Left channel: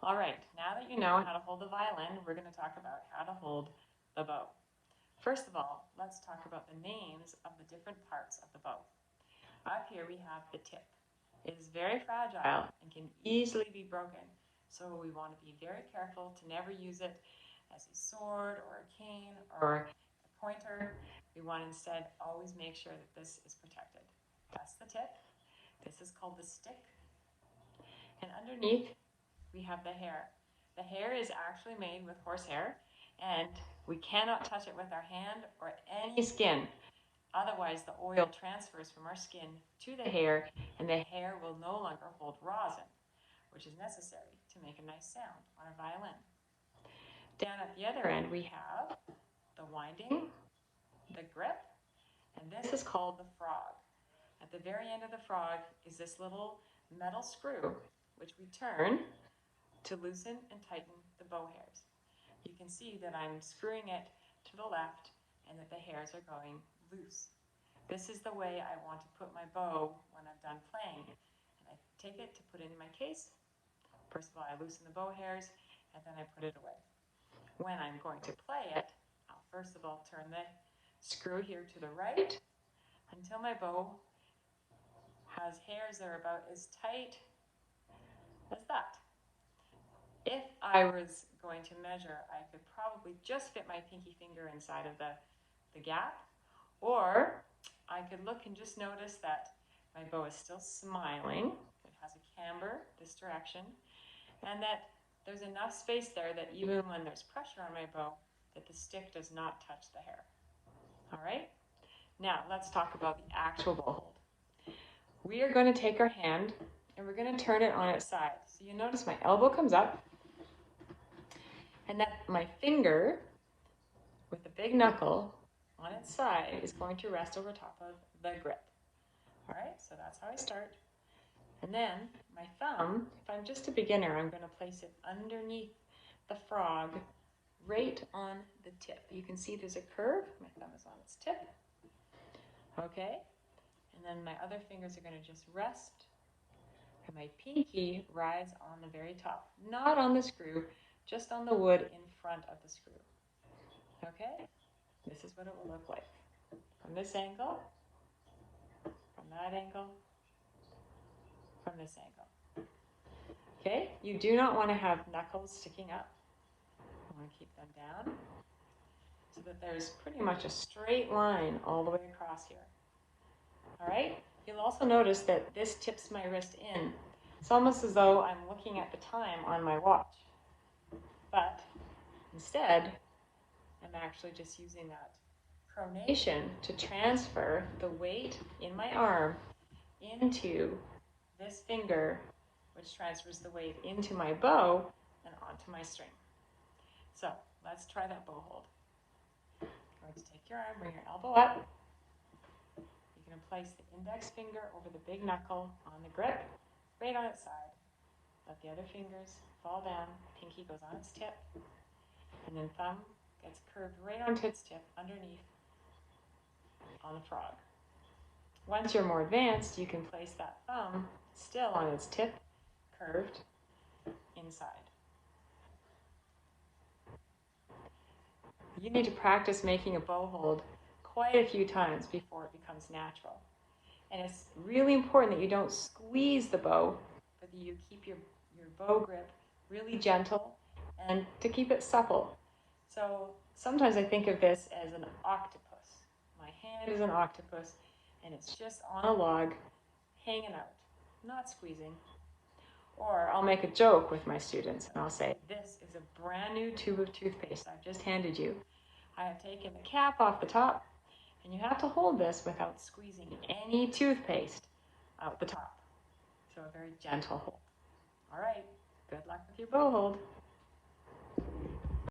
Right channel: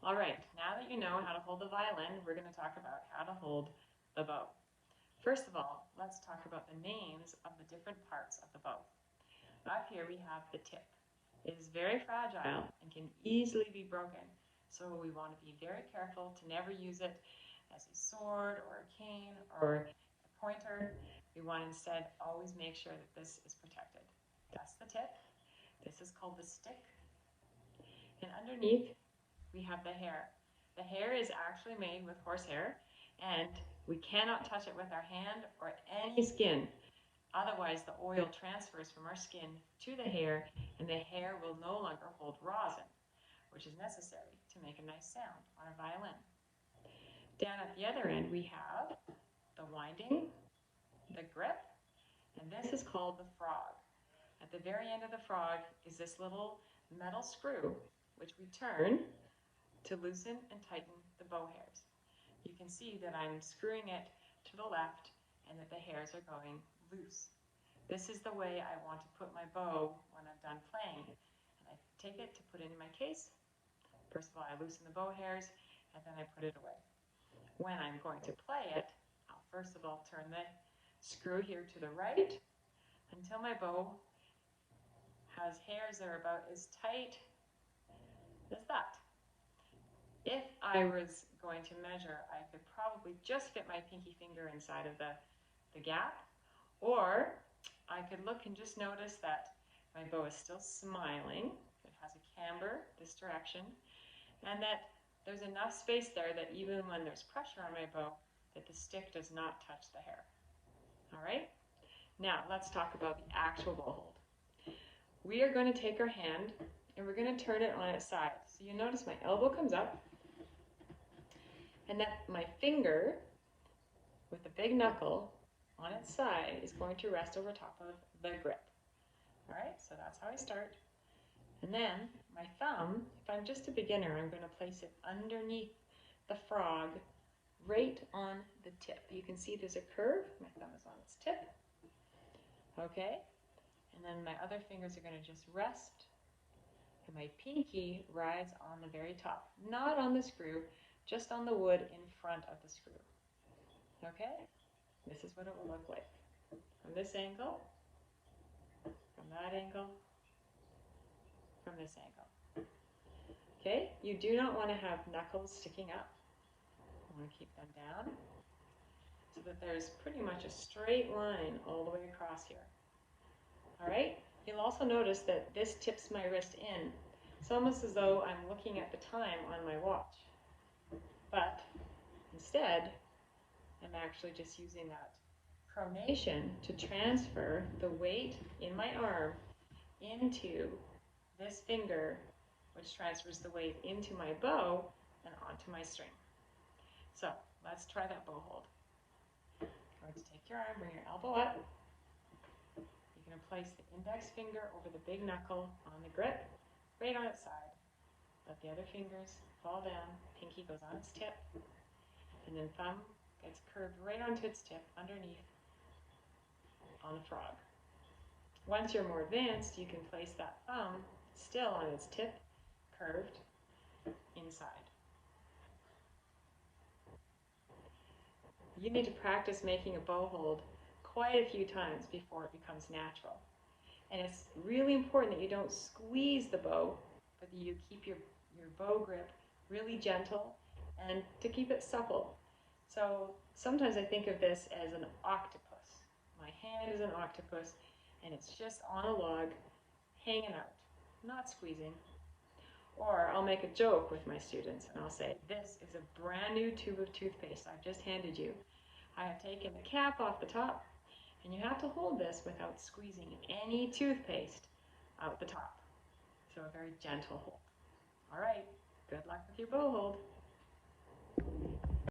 All right, now that you know how to hold the violin, we're going to talk about how to hold the bow. First of all, let's talk about the names of the different parts of the bow. Up here we have the tip. It is very fragile and can easily be broken, so we want to be very careful to never use it as a sword or a cane or a pointer. We want to instead always make sure that this is protected. That's the tip. This is called the stick. And underneath we have the hair. The hair is actually made with horsehair, and we cannot touch it with our hand or any skin. Otherwise, the oil transfers from our skin to the hair, and the hair will no longer hold rosin, which is necessary to make a nice sound on a violin. Down at the other end, we have the winding, the grip, and this is called the frog. At the very end of the frog is this little metal screw, which we turn to loosen and tighten the bow hairs. You can see that I'm screwing it to the left and that the hairs are going loose. This is the way I want to put my bow when I'm done playing. And I take it to put it in my case. First of all, I loosen the bow hairs and then I put it away. When I'm going to play it, I'll first of all turn the screw here to the right until my bow has hairs that are about as tight as that. If I was going to measure, I could probably just fit my pinky finger inside of the gap, or I could look and just notice that my bow is still smiling. It has a camber this direction, and that there's enough space there that even when there's pressure on my bow, that the stick does not touch the hair. All right? Now, let's talk about the actual bow hold. We are going to take our hand and we're going to turn it on its side. So you notice my elbow comes up, and that my finger with the big knuckle on its side is going to rest over top of the grip. All right, so that's how I start. And then my thumb, if I'm just a beginner, I'm going to place it underneath the frog, right on the tip. You can see there's a curve. My thumb is on its tip. Okay, and then my other fingers are going to just rest, and my pinky rides on the very top, not on the screw, just on the wood in front of the screw. Okay, this is what it will look like from this angle, from that angle, from this angle. Okay, you do not want to have knuckles sticking up. You want to keep them down so that there's pretty much a straight line all the way across here. All right, you'll also notice that this tips my wrist in. It's almost as though I'm looking at the time on my watch, but instead I'm actually just using that pronation to transfer the weight in my arm into this finger, which transfers the weight into my bow and onto my string. So let's try that bow hold. You're going to take your arm, bring your elbow up. You're going to place the index finger over the big knuckle on the grip, right on its side. Let the other fingers fall down, pinky goes on its tip, and then thumb gets curved right onto its tip underneath on the frog. Once you're more advanced, you can place that thumb still on its tip, curved inside. You need to practice making a bow hold quite a few times before it becomes natural. And it's really important that you don't squeeze the bow, but that you keep your bow grip really gentle and to keep it supple. So sometimes I think of this as an octopus. My hand is an octopus, and it's just on a log, hanging out, not squeezing. Or I'll make a joke with my students, and I'll say, this is a brand new tube of toothpaste I've just handed you. I have taken the cap off the top, and you have to hold this without squeezing any toothpaste out the top. So a very gentle hold. All right, good luck with your bow hold.